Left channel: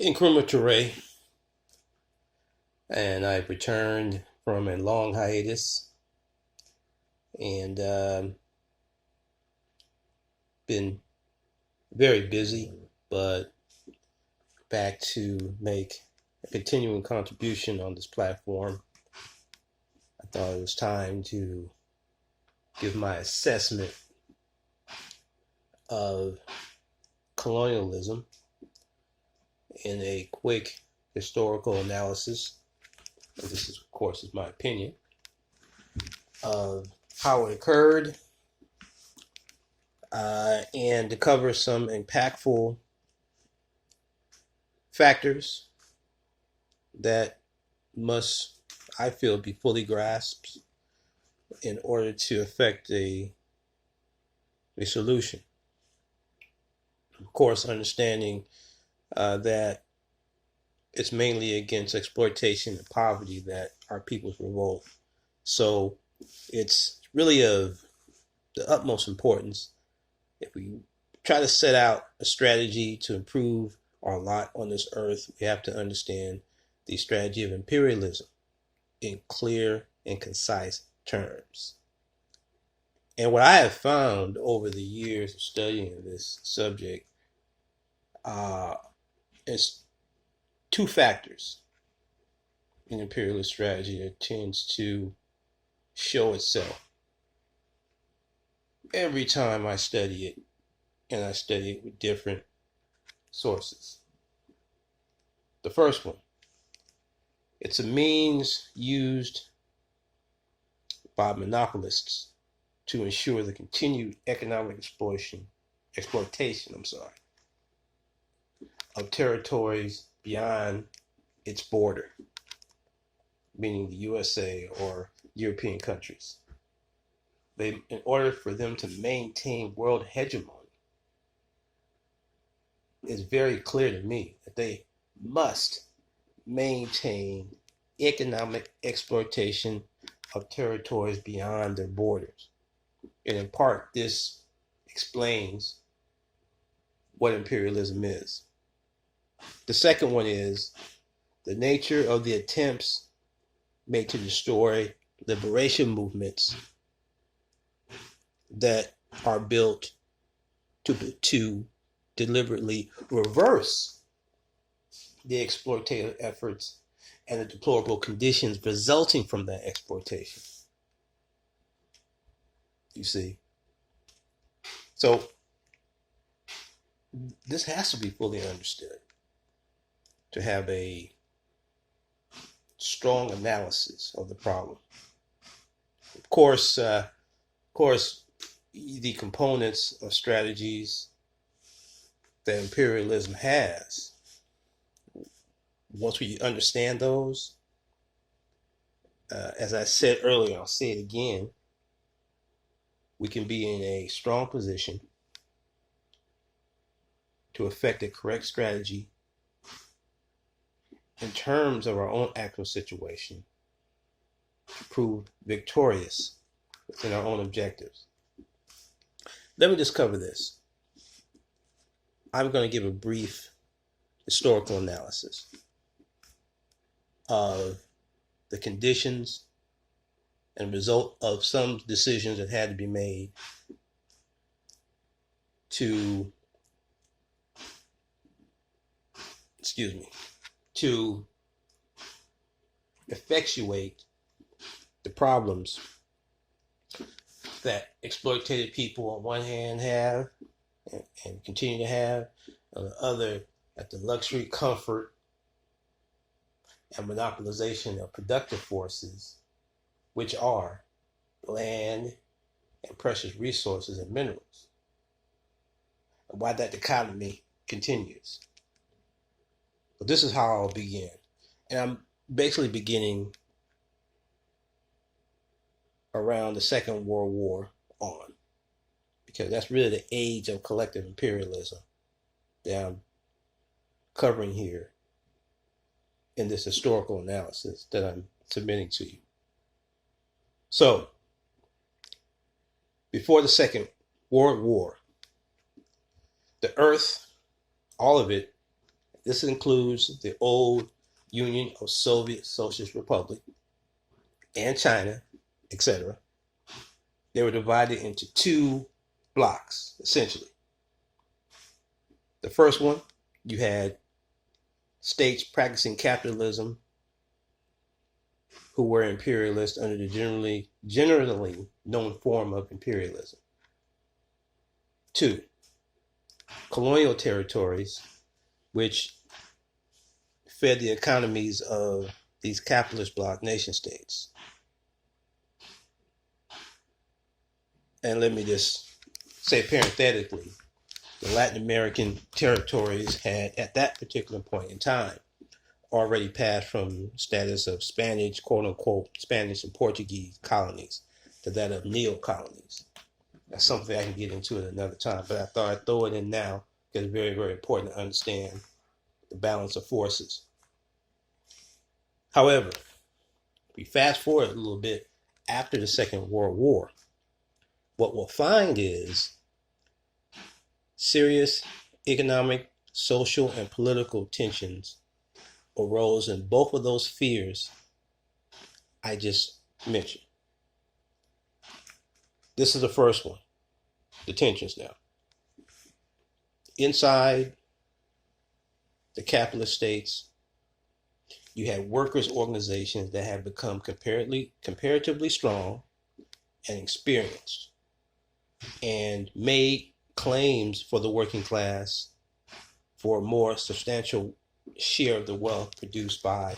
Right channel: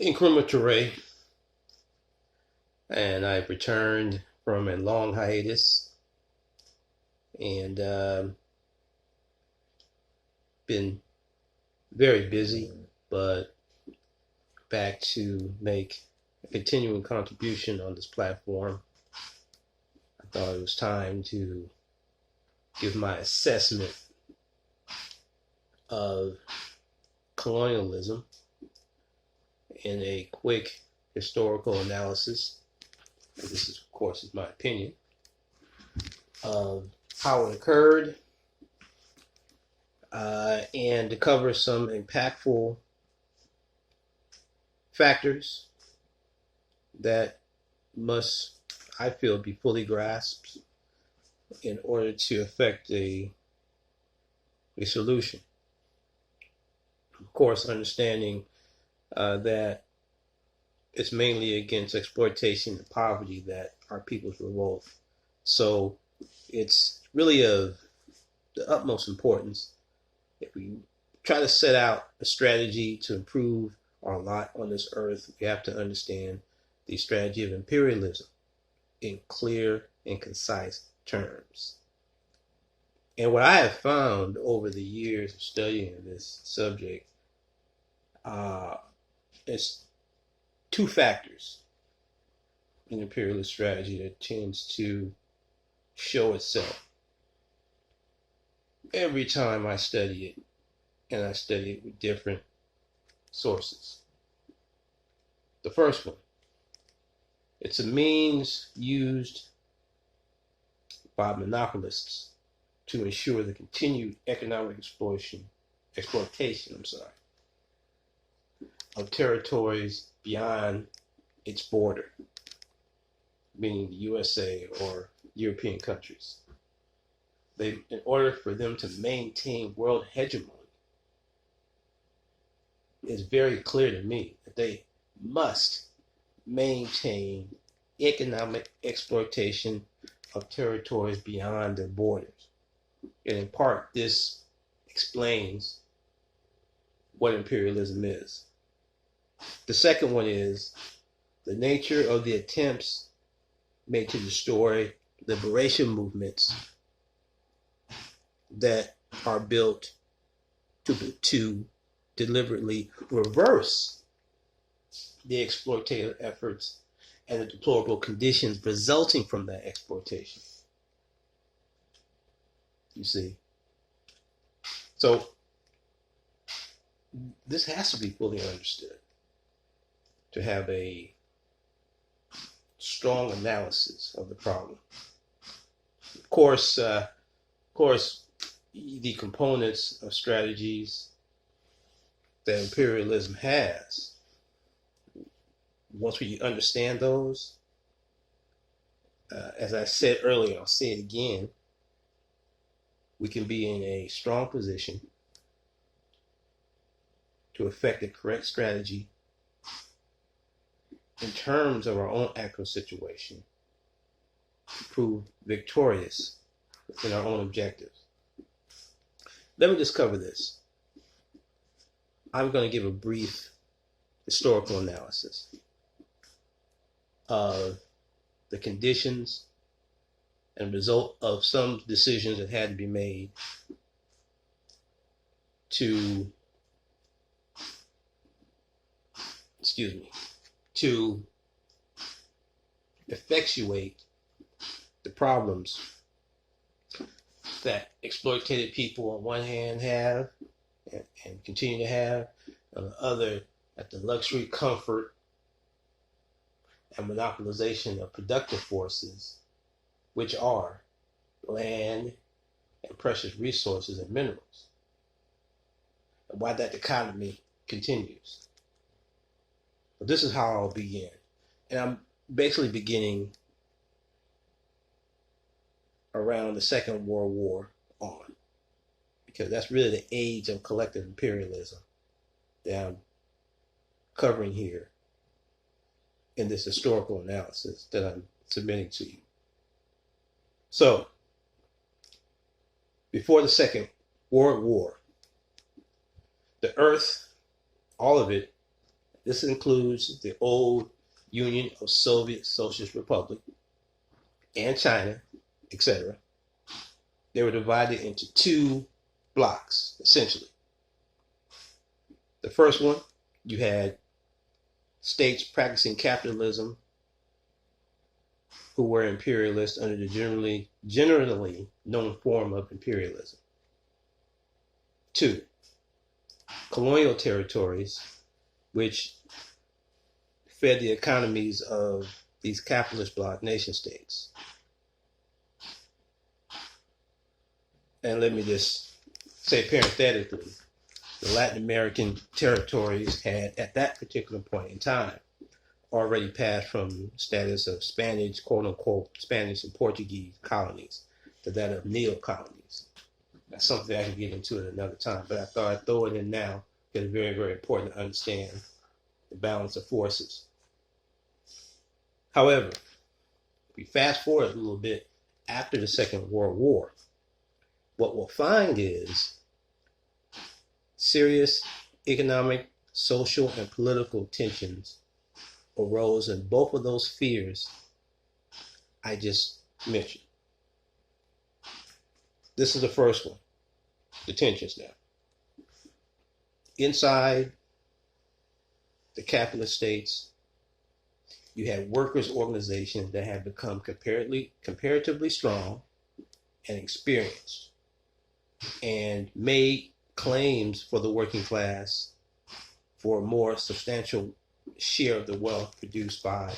Incrementary, and I've returned from a long hiatus and been very busy, but back to make a continuing contribution on this platform. I thought it was time to give my assessment of colonialism in a quick historical analysis. And this, is, of course, is my opinion of how it occurred, and to cover some impactful factors that must, I feel, be fully grasped in order to effect a solution. Of course, understanding that it's mainly against exploitation and poverty that our peoples revolt. So it's really of the utmost importance if we try to set out a strategy to improve our lot on this earth. We have to understand the strategy of imperialism in clear and concise terms. And what I have found over the years of studying this subject is two factors in imperialist strategy that tends to show itself every time I study it, and I study it with different sources. The first one, it's a means used by monopolists to ensure the continued economic exploitation of territories beyond its border, meaning the USA or European countries. In order for them to maintain world hegemony, it's very clear to me that they must maintain economic exploitation of territories beyond their borders. And in part, this explains what imperialism is. The second one is the nature of the attempts made to destroy liberation movements that are built to deliberately reverse the exploitative efforts and the deplorable conditions resulting from that exploitation. You see? So this has to be fully understood to have a strong analysis of the problem. Of course, the components of strategies that imperialism has, once we understand those, as I said earlier, I'll say it again, we can be in a strong position to effect a correct strategy in terms of our own actual situation, to prove victorious in our own objectives. Let me just cover this. I'm going to give a brief historical analysis of the conditions and result of some decisions that had to be made to effectuate the problems that exploitative people on one hand have and continue to have, on the other, at the luxury, comfort, and monopolization of productive forces, which are land and precious resources and minerals, and why that dichotomy continues. But this is how I'll begin. And I'm basically beginning around the Second World War on, because that's really the age of collective imperialism that I'm covering here in this historical analysis that I'm submitting to you. So, before the Second World War, the earth, all of it, This includes the old Union of Soviet Socialist Republic and China, etc. They were divided into two blocks, essentially. The first one, you had states practicing capitalism who were imperialists under the generally known form of imperialism. Two, colonial territories, which fed the economies of these capitalist bloc nation states. And let me just say parenthetically, the Latin American territories had, at that particular point in time, already passed from status of Spanish, quote unquote, Spanish and Portuguese colonies to that of neo-colonies. That's something I can get into at another time, but I thought I'd throw it in now because it's very, very important to understand the balance of forces. However, if we fast forward a little bit after the Second World War, what we'll find is serious economic, social, and political tensions arose in both of those spheres I just mentioned. This is the first one, the tensions now. Inside the capitalist states, you had workers' organizations that had become comparatively strong and experienced and made claims for the working class for a more substantial share of the wealth produced by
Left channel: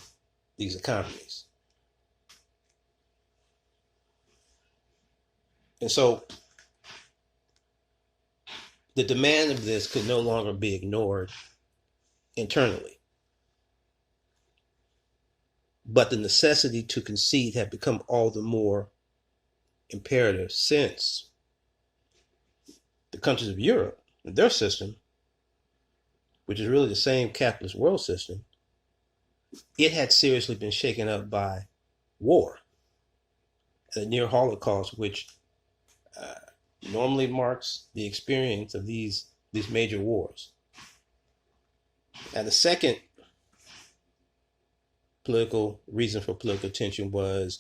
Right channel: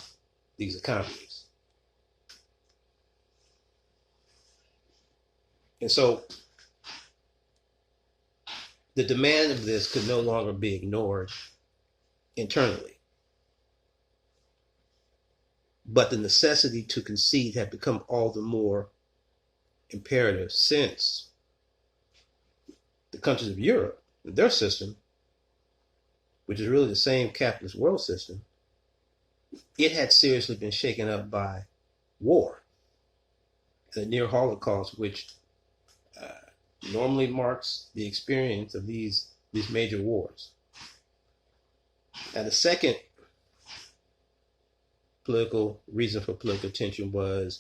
these economies. And so the demand of this could no longer be ignored internally. But the necessity to concede had become all the more imperative since the countries of Europe, their system, which is really the same capitalist world system, it had seriously been shaken up by war, the near Holocaust, which normally marks the experience of these major wars. And the second political reason for political tension was,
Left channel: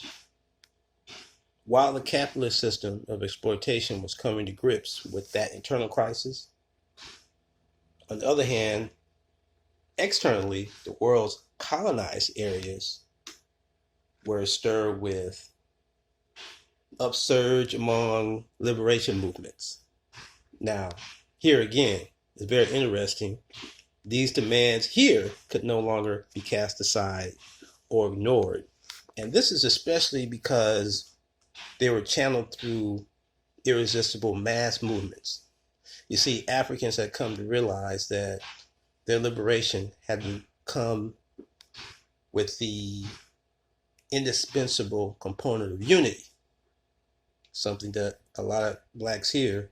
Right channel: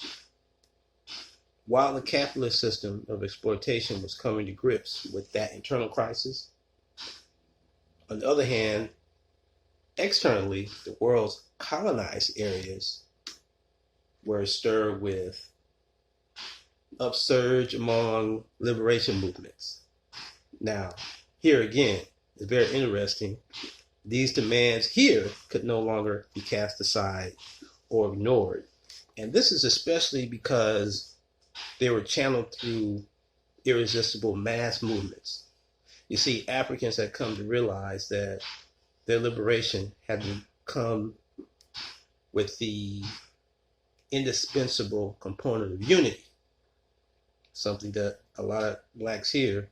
while the capitalist system of exploitation was coming to grips with that internal crisis, on the other hand, externally, the world's colonized areas were stirred with upsurge among liberation movements. Now, here again, it's very interesting. These demands here could no longer be cast aside or ignored. And this is especially because they were channeled through irresistible mass movements. You see, Africans had come to realize that their liberation had come with the indispensable component of unity, something that a lot of blacks here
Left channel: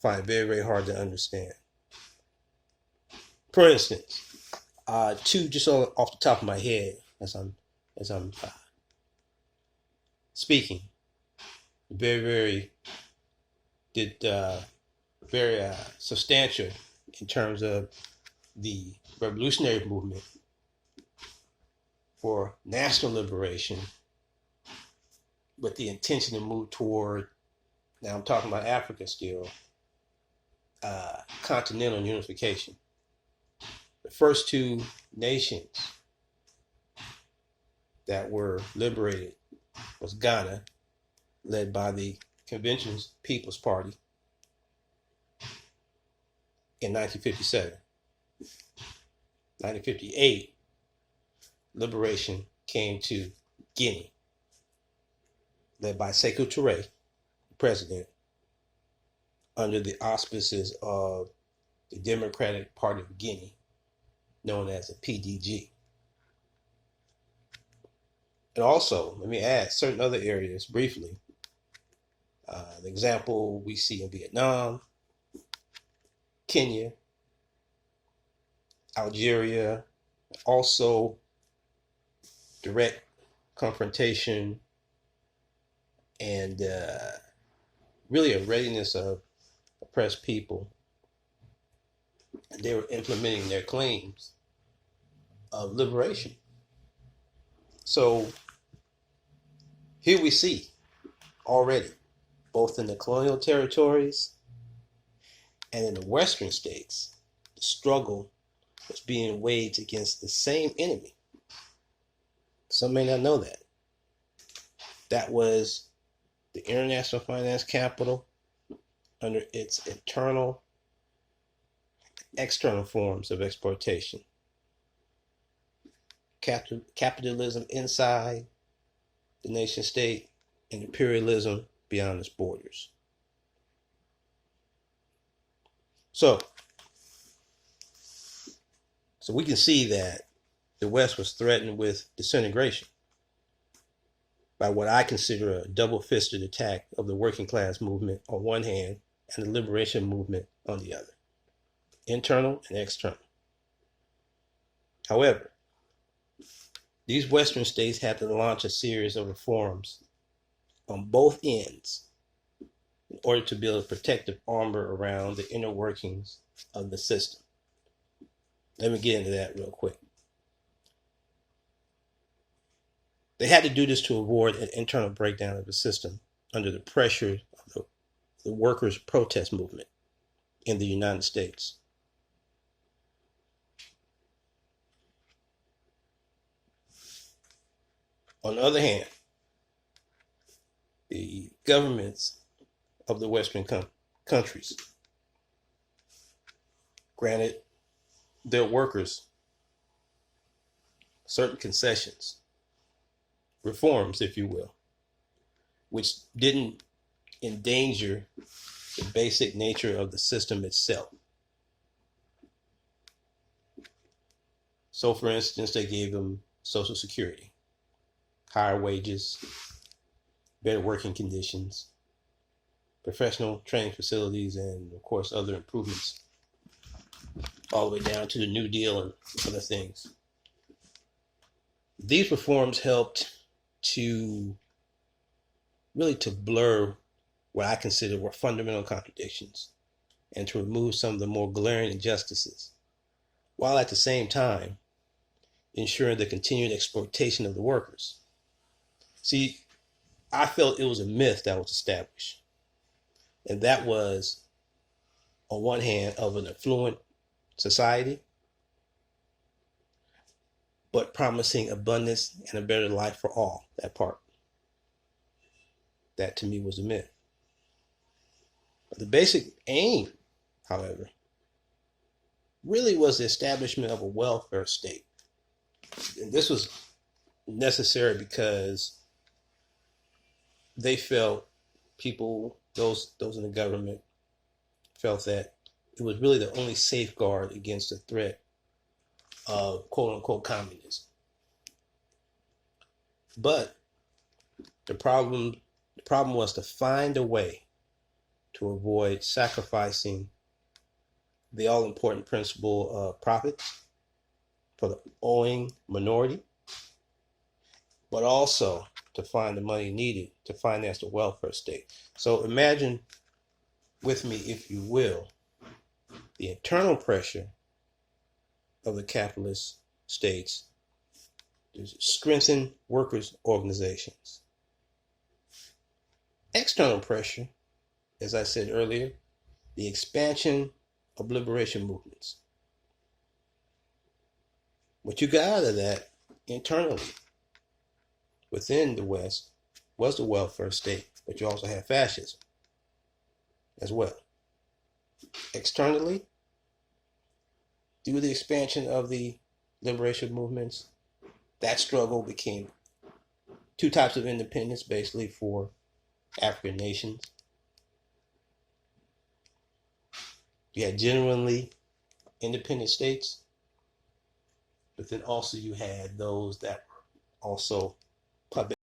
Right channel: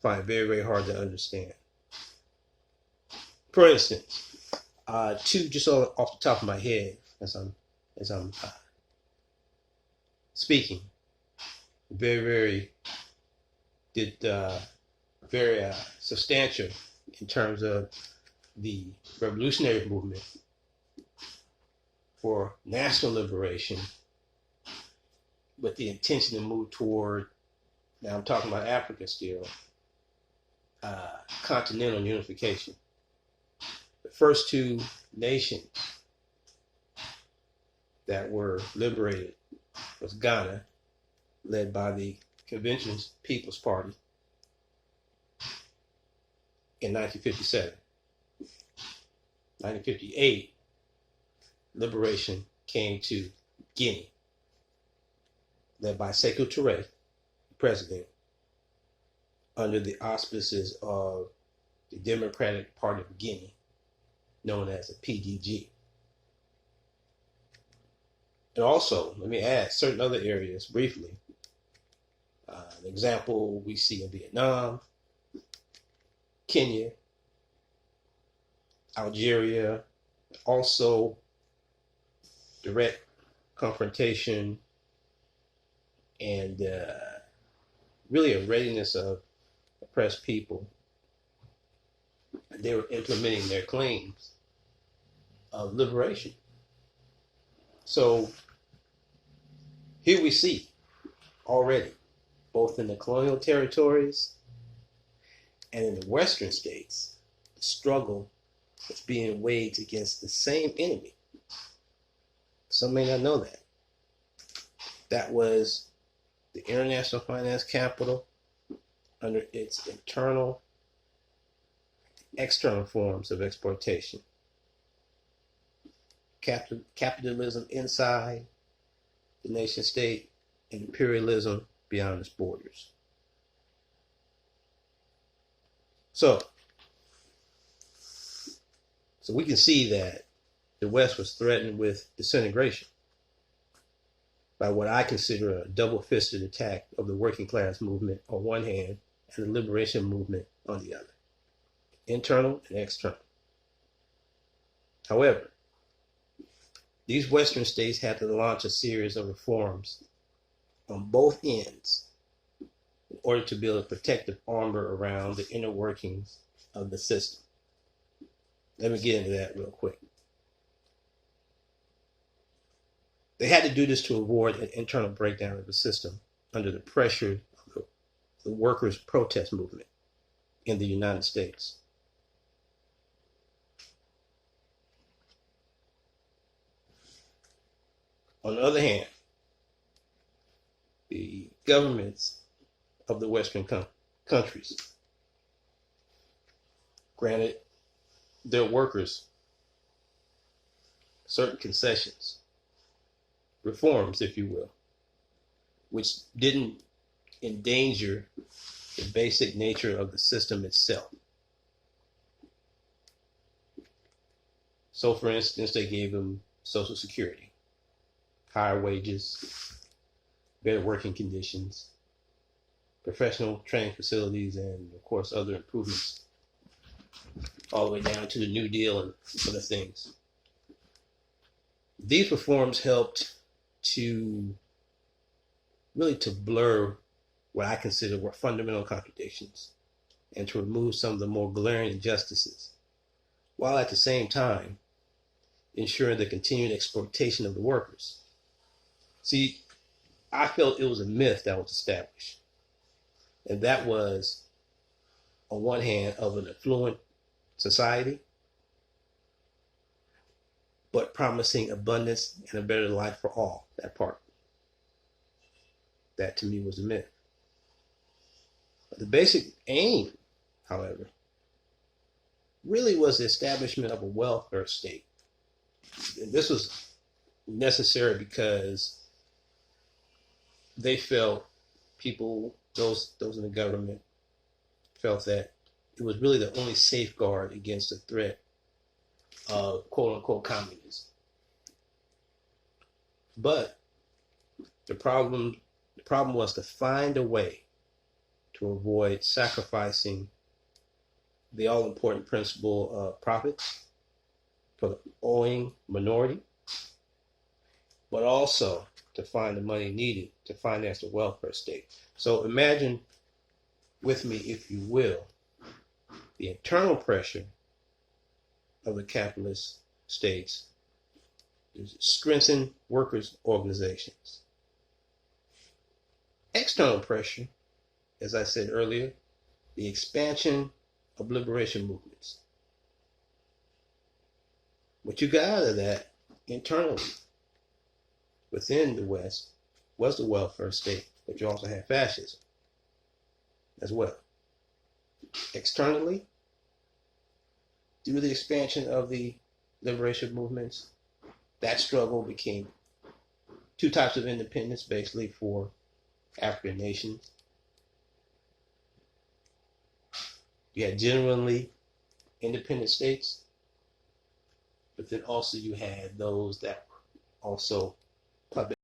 find very, very hard to understand. For instance, two just off the top of my head as I'm speaking, very substantial in terms of the revolutionary movement for national liberation with the intention to move toward, now I'm talking about Africa still, continental unification. The first two nations that were liberated was Ghana, led by the Convention's People's Party in 1957. 1958, liberation came to Guinea, led by Sekou Touré, president, under the auspices of the Democratic Party of Guinea, known as the PDG. And also, let me add certain other areas briefly. An example we see in Vietnam, Kenya, Algeria, also direct confrontation and really a readiness of oppressed people. They were implementing their claims of liberation. So here we see already, both in the colonial territories and in the Western states, the struggle is being waged against the same enemy. Some may not know that. That was the international finance capital under its internal, external forms of exploitation. Capitalism inside the nation state and imperialism beyond its borders. So we can see that the West was threatened with disintegration by what I consider a double-fisted attack of the working class movement on one hand and the liberation movement on the other, internal and external. However, these Western states had to launch a series of reforms on both ends in order to build a protective armor around the inner workings of the system. Let me get into that real quick. They had to do this to avoid an internal breakdown of the system under the pressure of the workers' protest movement in the United States. On the other hand, the governments of the Western countries granted their workers certain concessions, reforms, if you will, which didn't endanger the basic nature of the system itself. So, for instance, they gave them Social Security, higher wages, better working conditions, professional training facilities, and of course other improvements, all the way down to the New Deal and other things. These reforms helped to blur what I consider were fundamental contradictions and to remove some of the more glaring injustices, while at the same time ensuring the continued exploitation of the workers. See, I felt it was a myth that was established, and that was, on one hand, of an affluent society, but promising abundance and a better life for all. That part. That to me was a myth. But the basic aim, however, really was the establishment of a welfare state. And this was necessary because they felt, those in the government felt that it was really the only safeguard against the threat of quote unquote communism. But the problem was to find a way to avoid sacrificing the all-important principle of profits for the owing minority, but also to find the money needed to finance the welfare state. So imagine with me, if you will, the internal pressure of the capitalist states to strengthen workers' organizations. External pressure, as I said earlier, the expansion of liberation movements. What you got out of that internally within the West was the welfare state, but you also had fascism as well. Externally, through the expansion of the liberation movements, that struggle became two types of independence basically for African nations. You had genuinely independent states, but then also you had those that were also puppet